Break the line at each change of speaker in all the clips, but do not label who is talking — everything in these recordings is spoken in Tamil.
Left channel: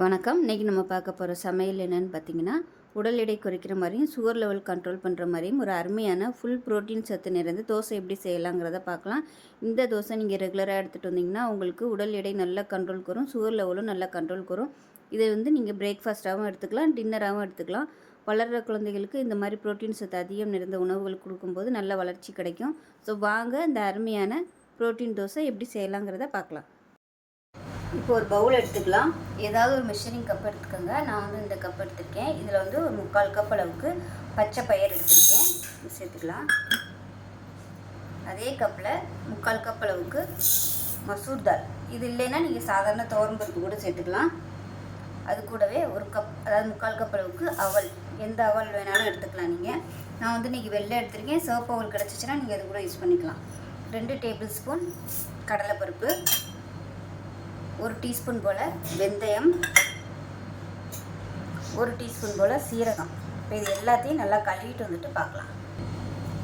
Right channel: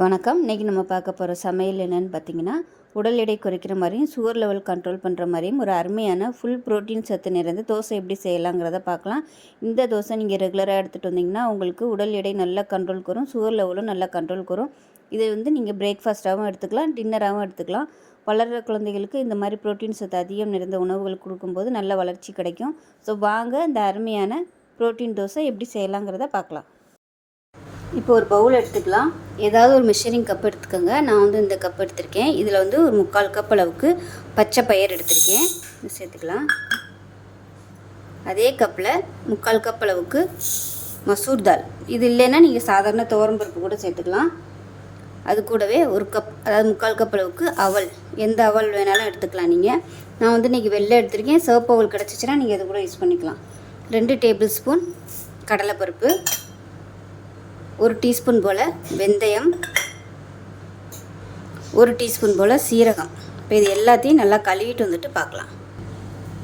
வணக்கம். இன்றைக்கி நம்ம பார்க்க போகிற சமையல் என்னென்னு பார்த்தீங்கன்னா உடல் எடை குறைக்கிற மாதிரியும் சுகர் லெவல் கண்ட்ரோல் பண்ணுற மாதிரியும் ஒரு அருமையான ஃபுல் ப்ரோட்டீன் சத்து நிறைந்த தோசை எப்படி செய்யலாங்கிறத பார்க்கலாம். இந்த தோசை நீங்கள் ரெகுலராக எடுத்துகிட்டு வந்தீங்கன்னா உங்களுக்கு உடல் எடை நல்லா கண்ட்ரோல் வரும் சுகர் லெவலும் நல்லா கண்ட்ரோல் வரும் இதை வந்து நீங்கள் பிரேக்ஃபாஸ்ட்டாகவும் எடுத்துக்கலாம் டின்னராகவும் எடுத்துக்கலாம். வளர்கிற குழந்தைகளுக்கு இந்த மாதிரி புரோட்டீன் சத்து அதிகம் நிறைந்த உணவுகள் கொடுக்கும்போது நல்ல வளர்ச்சி கிடைக்கும். ஸோ வாங்க இந்த அருமையான புரோட்டீன் தோசை எப்படி செய்யலாங்கிறத பார்க்கலாம். இப்போ ஒரு பவுல் எடுத்துக்கலாம். ஏதாவது ஒரு மெஷரிங் கப் எடுத்துக்கோங்க. நான் வந்து இந்த கப் எடுத்திருக்கேன். இதில் வந்து ஒரு முக்கால் கப் அளவுக்கு பச்சை பயிர் எடுத்திருக்கேன். சேர்த்துக்கலாம். அதே கப்பில் முக்கால் கப் அளவுக்கு மசூர் தால் இது இல்லைன்னா நீங்கள் சாதாரண துவரம் பருப்பு கூட சேர்த்துக்கலாம். அது கூடவே ஒரு கப் அதாவது முக்கால் கப் அளவுக்கு அவல். எந்த அவல் வேணாலும் எடுத்துக்கலாம் நீங்கள் நான் வந்து இன்றைக்கி வெள்ளை எடுத்திருக்கேன். சிவப்பு அவல் கிடச்சிச்சின்னா நீங்கள் அது கூட யூஸ் பண்ணிக்கலாம். ரெண்டு டேபிள் ஸ்பூன் கடலைப்பருப்பு ஒரு டீஸ்பூன் போல் வெந்தயம் ஒரு டீஸ்பூன் போல் சீரகம். இப்போ இது எல்லாத்தையும் நல்லா கழுவிட்டு வந்துட்டு பார்க்கலாம்.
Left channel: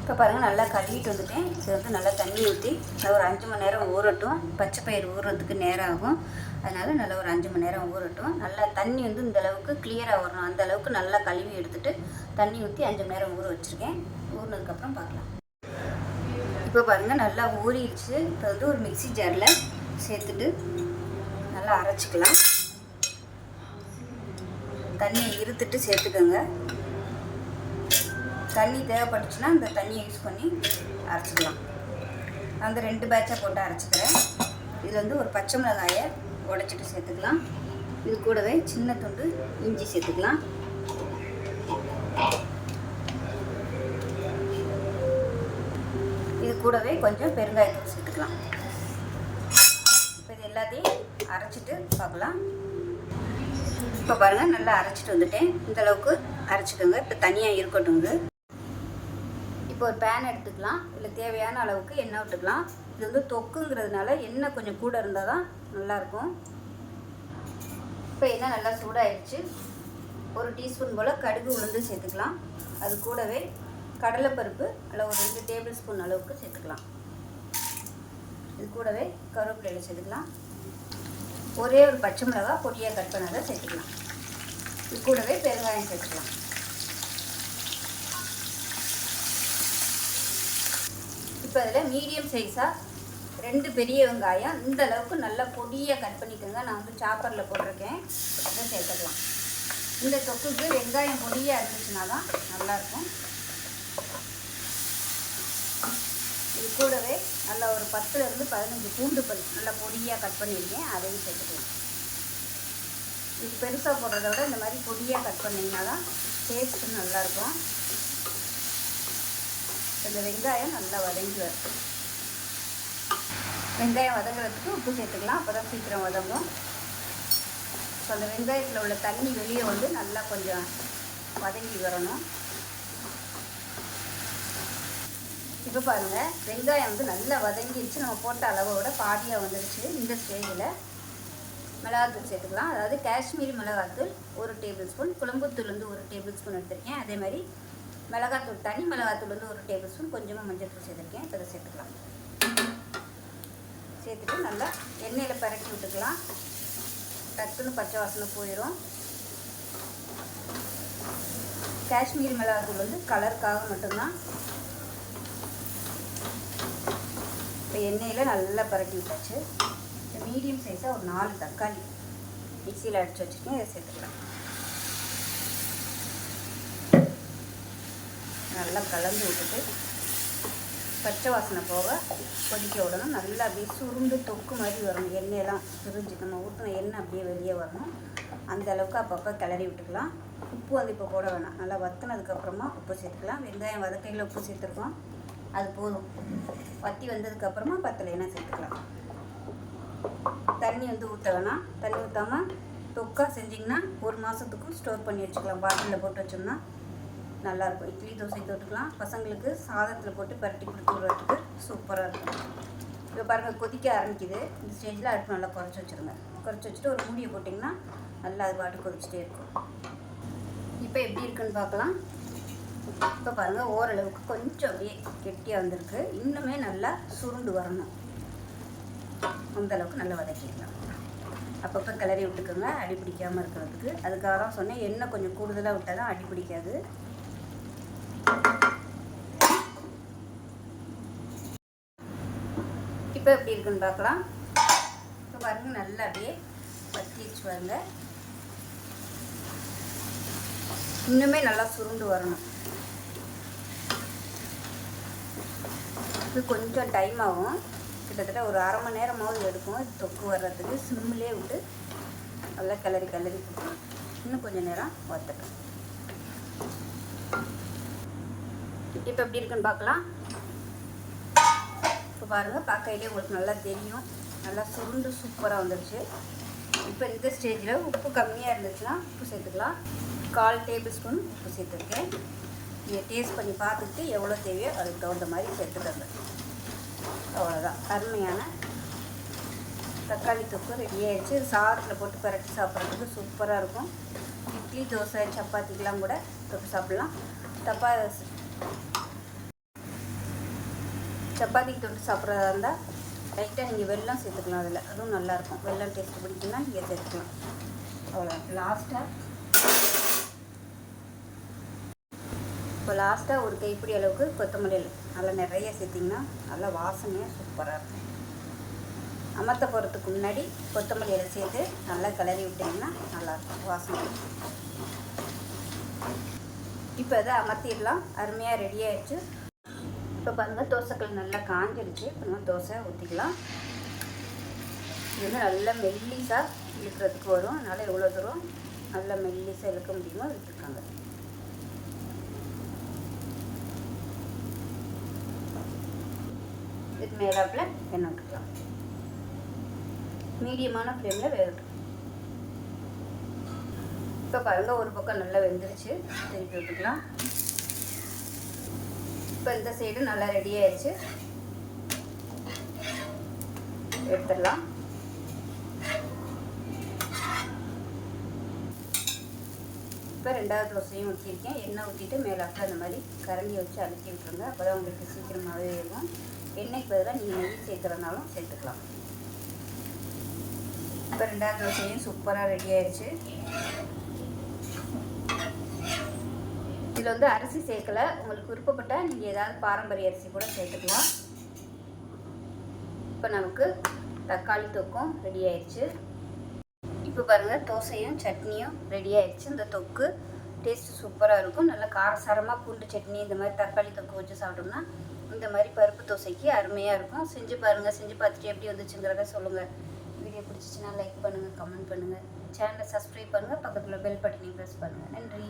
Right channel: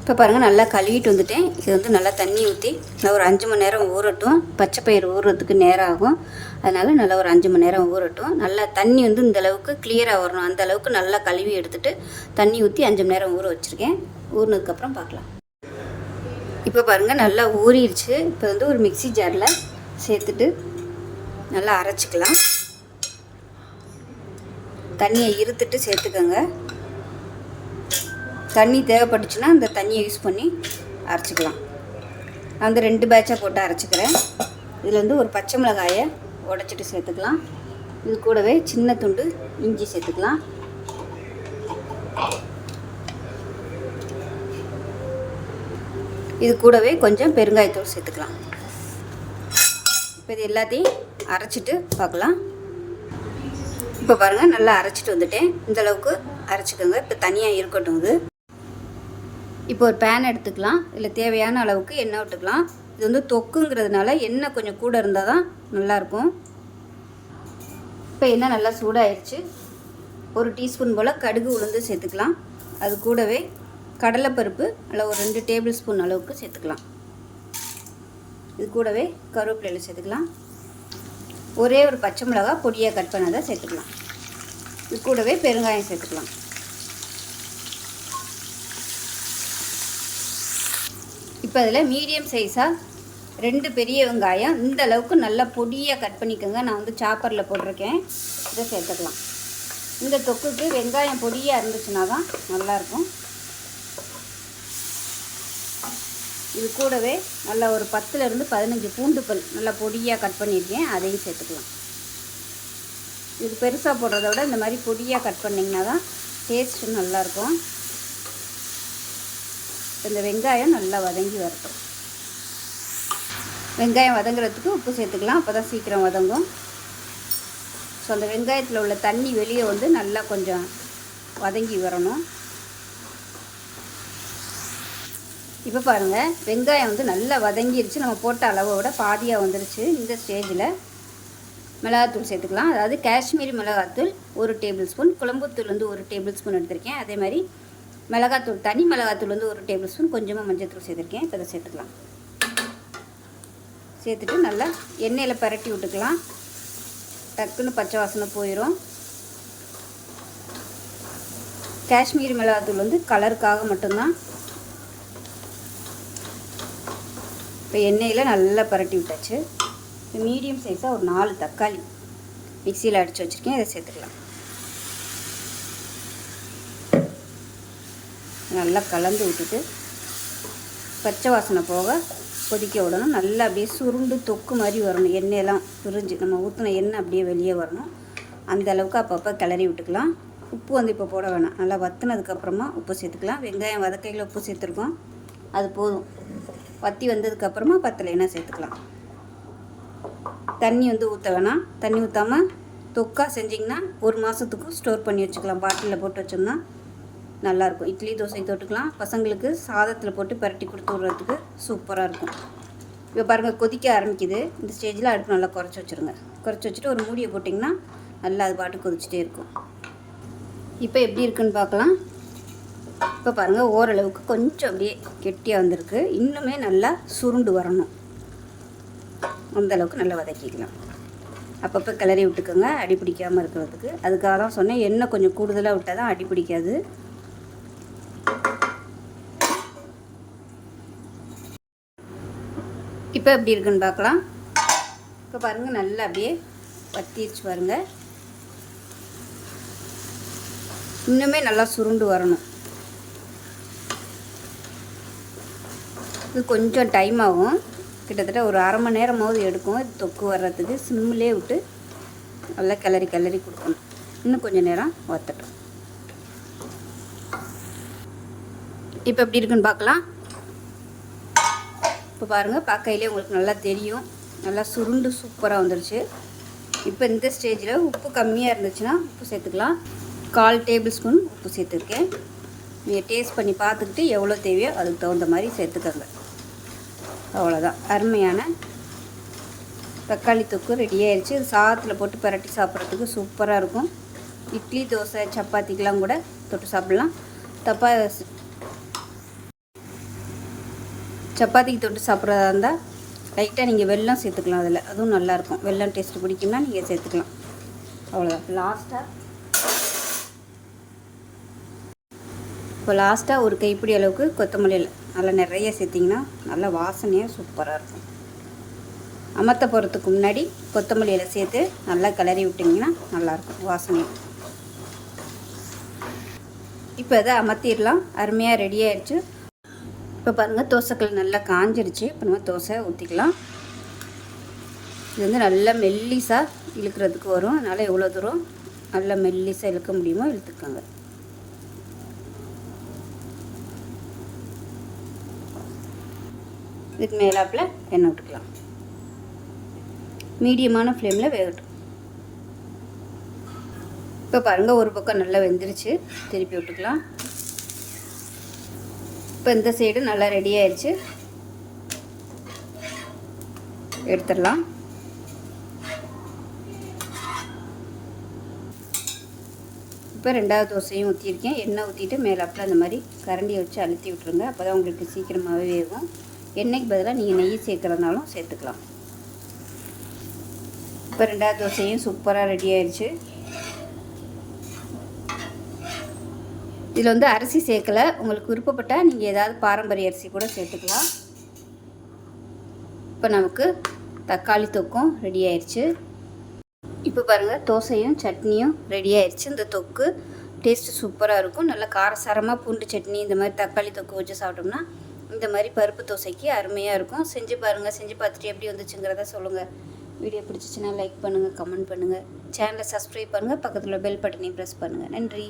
இப்போ பாருங்கள் நல்லா கழுவிட்டு வந்துட்டேன். இது வந்து நல்லா தண்ணி ஊற்றி நான் ஒரு அஞ்சு மணி நேரம் ஊறட்டும். பச்சை பயிர் ஊறுறதுக்கு நேரம் ஆகும். அதனால் நல்லா ஒரு அஞ்சு மணி நேரம் ஊறட்டும். நல்லா தண்ணி வந்து இந்த அளவுக்கு கிளியராக வரணும். அந்த அளவுக்கு நல்லா கழுவி எடுத்துகிட்டு தண்ணி ஊற்றி அஞ்சு மணி நேரம் ஊற வச்சுருக்கேன். ஊறினதுக்கப்புறம் பார்க்கலாம். இப்போ பாருங்கள் நல்லா ஊறிடுச்சு. இப்போ வந்து ஒரு மிக்சி ஜாரில் சேர்த்துட்டு நல்லா அரைச்சிக்கலாம். தண்ணியை இருத்துட்டு சேர்த்துக்கோங்க. தண்ணி தேவைப்பட்டுச்சுன்னா அந்த தண்ணியை யூஸ் பண்ணி அரைச்சிக்கலாம். நான் வந்து ரெண்டு பேட்சாக போட்டு அரைச்சிக்கிறேன். இதில் வந்து ஒரு பச்சை மிளகாயை உடச்சிட்டு சேர்த்துக்கலாம். இது கூடவே சின்ன துண்டு இஞ்சி சேர்த்துக்கலாம். இது கூடவே கொஞ்சம் பெருங்காயத்தூள் சேர்த்துக்கலாம். இப்போ இது எல்லாத்தையும் அரைச்சிட்டு பார்க்கலாம். இப்போ பாருங்கள் நல்லா அரைச்சிட்டு வந்துட்டேன். இந்த அளவுக்கு அரைச்சிக்கோங்க. இப்போ தனியாக இருக்கட்டும் இது. இப்போ ஒரு பேன் எடுத்துக்கலாம். இல்லை தேவையான அளவுக்கு எண்ணெய் விட்டுக்கலாம். இது வந்து தொக்குங்கிறதுனால எண்ணெய் கொஞ்சம் கூட இருந்தால் தான் நல்லாயிருக்கும். இப்போ எண்ணெய் நல்லா சூடாயிடுச்சு ஒரு டீஸ்பூன் போல் கடுகு உளுந்து சேர்த்துக்கலாம். அது கூடவே கடலைப்பருப்பு அதில் ஒரு ரெண்டு டேபிள் ஸ்பூன் அளவுக்கு சேர்த்துக்கலாம். இது கூடவே கருவேப்பிலையில் சேர்த்துக்கலாம். ஒரே ஒரு பச்சை மிளகாய் பொடியாக கட் பண்ணதை சேர்த்துக்கலாம். இது கூடவே பெருங்காயம் சேர்த்துக்கலாம். இப்போ அதில் மீடியம் சைஸாக ரெண்டு பெரிய வெங்காயம் இந்த அளவுக்கு நல்லா பொடியாக கட் பண்ணிக்கோங்க. நான் வந்து சாப்பரில் போட்டிருக்கேன். இதை சேர்த்துக்கலாம். இந்த தொக்குக்கு வெங்காயம் பொடியாக இருந்துச்சுன்னா தான் நல்லாயிருக்கும். இது கூடவே நல்லா ஒரு பத்துலேருந்து பதினஞ்சு பூண்டு பல் நல்லா பொடியாக கட் பண்ணியிருக்கேன். அதையும் சேர்த்துக்கலாம். இது பெருசாக போடுறத விட இந்த மாதிரி பொடியாக கட் பண்ணிங்கன்னா தான் டேஸ்ட்டு நல்லாயிருக்கும். இந்த வெங்காயம் நல்லா வதங்கி வரட்டும் வெங்காயம் வதங்குறதுக்கு உப்பு சேர்த்துக்கலாம். அப்போ தான் சீக்கிரம் வதங்கும். ஸோ அந்த வெங்காயத்தில் உள்ள தண்ணி வெளியே வந்து நல்லா கொஞ்சம் வதங்கி வரணும். இப்போ பாருங்கள் வெங்காயம் வந்து நல்லா வதங்கிருச்சு. நம்ம போட்ட அளவை விட பாதியாக வந்துருச்சு இந்த ஸ்டேஜில் மிளகாத்தூள் சேர்த்துக்கலாம். அதாவது காஷ்மீரி மிளகாத்தூள் ஒரு டேபிள் ஸ்பூன் குழம்புத்தூள் வந்து ஒரு டேபிள் ஸ்பூன் எடுத்திருக்கேன். அதே மாதிரி மிளகாத்தூள் தனி மிளகாத்தூள் வந்து ஒரு டேபிள் ஸ்பூன் கொஞ்சமாக மஞ்சத்தூள் சேர்த்துருக்கேன். இப்போ அதை சேர்த்துக்கலாம். சேர்த்துட்டு நல்லா எண்ணெயில் பரட்டி விட்டுக்கலாம். டக்குன்னு பச்சை வாசனை போயிடும் காஷ்மீரி மிளகாத்தூள் வந்து கலருக்காக மட்டும்தான். இப்போ எண்ணெயில் நல்லா பரட்டி விட்டாச்சு. மீடியம் சைஸாக ஒரு நாலு தக்காளி. மிக்சியில் அடித்து வச்சுருக்கேன் இதை சேர்த்துக்கலாம். நல்லா கலந்து விட்டுட்டு பச்சை வாசனை போக கொதிக்க விடணும். நல்லா அப்படியே சுருண்டு தொக்கு மாதிரி வரணும். எண்ணெயெல்லாம் பிரிஞ்சு நம்ம ஊற்றின எண்ணெய் அப்படியே வெளியே வரணும். அந்த அளவுக்கு அப்பப்போ கிளறி விட்டுக்கலாம். உப்பு வந்து இப்போ போட வேணாம். நல்லா வத்துனதுக்கப்புறமா உப்பு சேர்த்துக்கலாம். வெங்காயம் வதக்கையில் உப்பு சேர்த்துருக்கோம். அது போதும். வத்தி வந்ததுக்கப்புறமா பத்தலைனா சேர்த்துக்கலாம். தண்ணி வந்து ஊற்ற வேணாம் தண்ணி ஊற்றாமல் தொக்கா செஞ்சிங்கன்னா ஒரு மாதத்துக்கும் ஸ்டோர் பண்ணி வச்சுக்கலாம். பாட்டிலில் போட்டு வச்சோம்னா நல்லாயிருக்கும். இட்லி தோசை தொட்டுக்கலாம். பசங்களுக்கு சாதத்தில் போட்டு பரட்டி கொடுத்து விட்றதுக்கு சூப்பராக இருக்கும். இப்போ பாருங்கள் கொதிக்க ஆரம்பிக்குது. இந்த ஸ்டேஜில் அடுப்பு நல்லா குறைச்சி வச்சுருங்க. குறைச்சி வச்சுட்டு ஒரு மூடியை போட்டிங்கன்னா நல்லா அது பாட்டு கொதிச்சிட்டே இருக்கும். இப்போ எப்படி இருக்குன்னு பார்க்கலாம். இப்போ பாருங்கள் ஓரளவுக்கு கொஞ்சம் அப்படியே கெட்டியாக வந்திருக்கு. இன்னுமே நல்லா சுருண்டு வரணும். அந்தளவுக்கு நல்லா வதக்கிக்கலாம். அப்பப்போ கிளறி விட்டுக்கோங்க அடி பிடிக்காமல் இருக்கிறதுக்கு. அதுக்காக தான் சொன்னேன் எண்ணெய் கொஞ்சம் கூடுதலாக விட்டால் தான் அடி பிடிக்காது. இப்போ எப்படி இருக்குன்னு பார்க்கலாம். இப்போ பாருங்கள் நல்லா அப்படியே வத்திடுச்சு பாருங்க. இன்னுமே நல்லா சுருண்டு வரணும். இது கொஞ்சம் டைம் ஆகும். கிட்டத்தட்ட ஒரு அரை மணி நேரமாவது எடுக்கும். தொக்கு வர்றதுக்கு சிம்மிலே விட்டு நல்லா கிளறி கிளறி கொடுக்கணும். இன்னும் கொஞ்சம் நேரம் வத்தட்டும். இப்போ எப்படி இருக்குன்னு பார்க்கலாம். இப்போ பாருங்கள் பார்க்கையிலே உங்களுக்கு நல்லா தெரியும். நல்லா சுருண்டு சூப்பராக வந்துருச்சு. இப்போ இந்த ஸ்டேஜில் உப்பு கம்மியாக இருந்துச்சுன்னா உப்பு சேர்த்துக்கலாம். கால் டேபிள் ஸ்பூன் உப்பு சேர்த்துருக்கேன். நீங்கள் டேஸ்ட் பண்ணி பார்த்துக்கிட்டு எவ்வளோ தேவையோ அதுக்கு தகுந்த மாதிரி சேர்த்துக்கங்க. அவ்வளோதான் அருமையான தக்காளி தொக்கு ரெடி ஆயிடுச்சு. இது சாதத்தில் போட்டு பரட்டி சாப்பிட்றதுக்கு சூப்பராக இருக்கும். இட்லி தோசை சப்பாத்திக்கெலாம் கூட தொட்டு சாப்பிட்லாம். தப்பா சப்பாத்திக்கு தொட்டு சாப்பிட்றதா இருந்தால் லைட்டாக நீங்கள் வெள்ளம் சேர்த்துக்கலாம் அதில். அதுவும் நல்லாயிருக்கும் வெள்ளம் டேஸ்ட்டு பிடிக்கும்னா நீங்கள் சேர்த்துக்கலாம். அவ்வளோதான் லாஸ்ட்டாக இப்போ லாஸ்ட்டாக ஒரு கைப்பிடி அளவுக்கு கொத்தமல்லியில் நல்லா நிறைய சேர்த்திங்கன்னா நல்லா வாசனையாக சூப்பராக இருக்கும். அமர்த்த போகிறதுக்கு முன்னாடி கொத்தமல்லியில் சேர்த்து நல்லா கிளறி விட்டிங்கன்னா நல்லாயிருக்கும் வாசனையாக இப்போ இதை அமர்த்திடலாம். அருமையாக ரெடி ஆயிடுச்சு. இப்போ பாருங்கள் தோசைக்கல் நல்லா காஞ்சிருச்சு. இப்போ நம்ம தோசை ஊற்றிக்கலாம் இது வந்து நல்லா மெல்லிசாக இழுக்கிறதுக்கு வரும். அதனால் எவ்வளோ தூரம் நல்லா மெல்லிசாக இழுக்க முடியுமோ இழுத்துக்கோங்க. இதுக்கு மேலாப்பில் எண்ணெய் விட்டுக்கலாம். மீடியமான ஃப்ளேமில் வேகட்டும் இப்போ பாருங்கள் ஒரு பக்கம் நல்லா வெந்துருச்சு. திருப்பி விட்டுக்கலாம். இப்போ இந்த சைடு நல்லா ரெடி ஆயிடுச்சு எடுத்துடலாம். இப்போ ரெண்டாவது தோசையும் ஊற்றிருக்கேன் எண்ணெய் ஊற்றிட்டு மேலாப்பில் அந்த மாதிரி கரண்டியை வச்சு அழுத்தி விட்ருங்க அப்போ தான் உங்களுக்கு சீக்கிரமாகவே வேகும். எண்ணெய்க்கு பதிலாக நீங்கள் நெய் சேர்க்குறதுனாலும் சேர்த்துக்கலாம். இப்போ ரெண்டாவது தோசையும் சூப்பராக ரெடி ஆயிடுச்சு. இதில் வந்து அரிசி சேர்க்கலை. உங்களுக்கு விருப்பப்பட்டால் நீங்கள் ஏதாவது பாரம்பரிய அரிசி கூட சேர்த்துக்கலாம். இப்போ நமக்கு தக்காளி தொக்கும் ரெடி ஆயிடுச்சு. இப்போ பாருங்கள் தோசையும் சட்னியும் ரெடி ஆயிடுச்சு. இந்த தொக்கு டேஸ்ட்டு சூப்பராக இருக்கும். நல்லா காரசாரமாக பூண்டு சட்னி இந்த மாதிரி தக்காளி தொக்கு வச்சு சாப்பிட்டோம்னா இந்த மாதிரி பருப்பு தோசைக்கு அருமையாக இருக்கும். செஞ்சு பாருங்கள் செஞ்சு பார்த்துட்டு எப்படி வந்துச்சுங்கிறத சொல்லுங்கள் வீடியோ பிடிச்சிச்சின்னா லைக் பண்ணுங்கள் கமெண்ட் பண்ணுங்கள் சேனலை சப்ஸ்கிரைப் பண்ணுங்கள் பக்கத்தில் பெல் பட்டனையும் ப்ரெஸ் பண்ணுங்கள் நன்றி.